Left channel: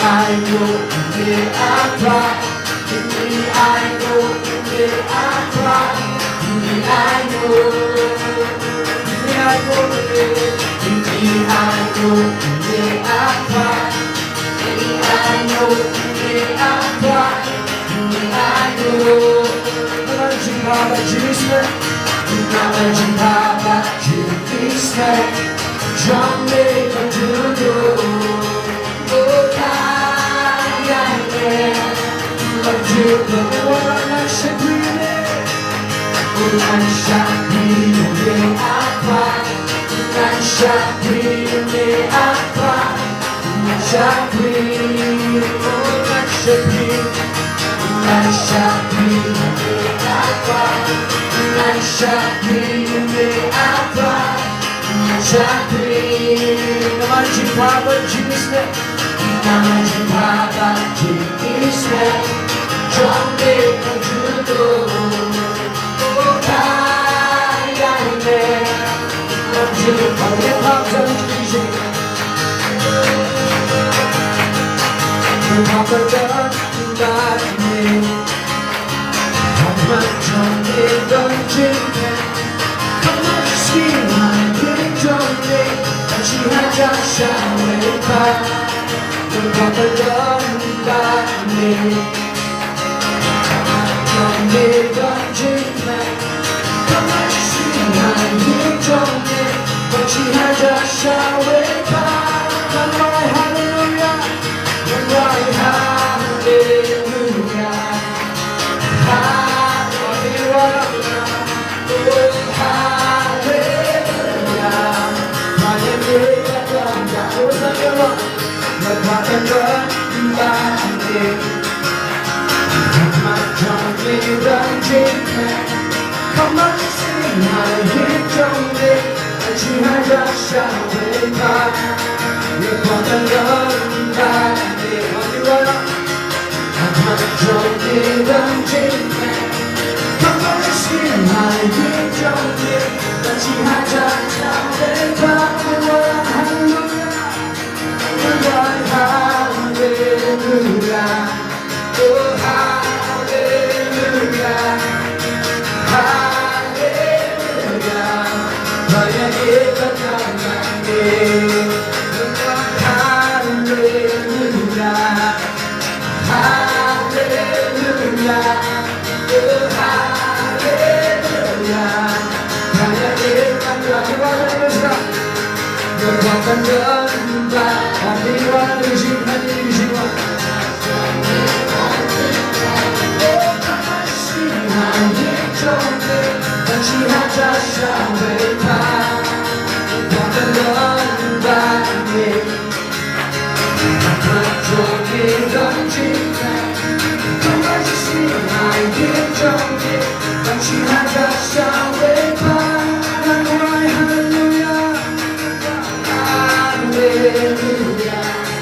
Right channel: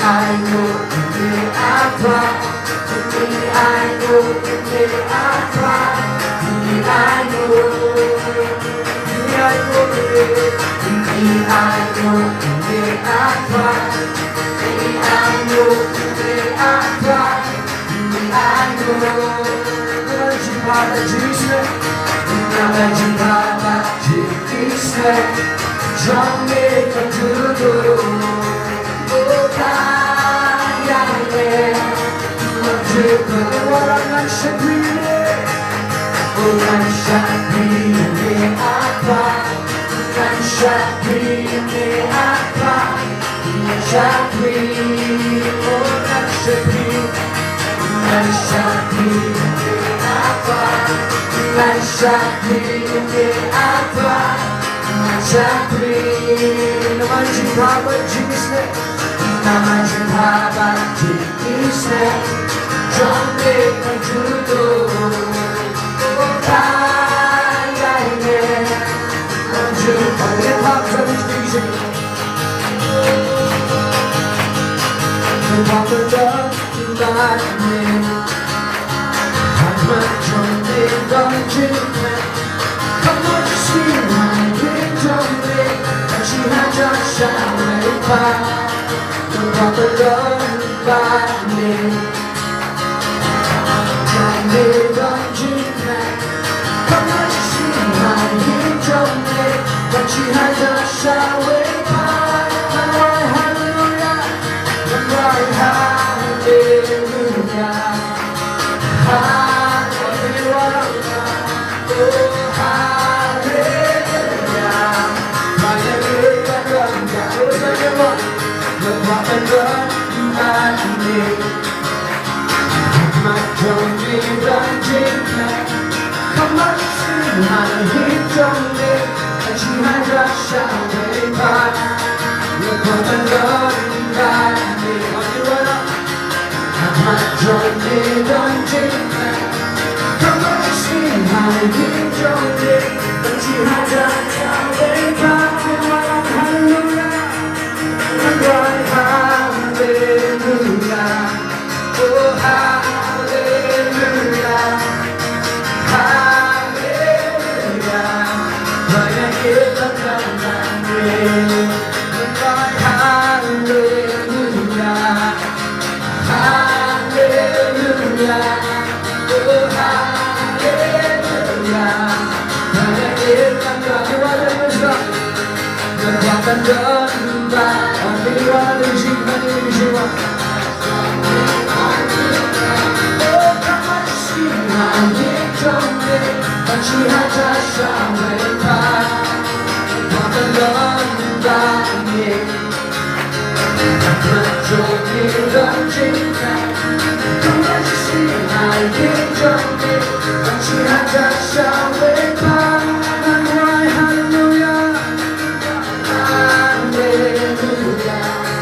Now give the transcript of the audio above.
爱我，因为爱他，因为爱我，因为爱他，因为爱我，因为爱我，因为爱我，因为爱他，因为爱我，因为爱他，因为爱我。我只怕在拒绝，我只怕在拒绝。Trong đêm còn thứ đủ Ô ta dài đêm Mặc dù có quá nắng sẽ quý mê Ô nắng sẽ quý mê ác phá Nắng sẽ quý mê ác phá Nắng sẽ quý Ô nắng sẽ quý Nắng sẽ quý mê ác phá Nắng sẽ quý mê ác phá Naman cinta berjisnya Naman cinta berjisnya Jombe terjudul Kaya ini Lanjut kalian waktu bisa Kita berjumpa ini Hanya jombe terjudul Kamu disini Chỉ hai cha sao lấy ta đừng có tới đơn ta mình chẳng để đơn chính này không ai xin ngài nghĩ trong đêm và chỉ hai cha sao lấy ta hallelujah hallelujah hallelujah hallelujah Hãy just shout,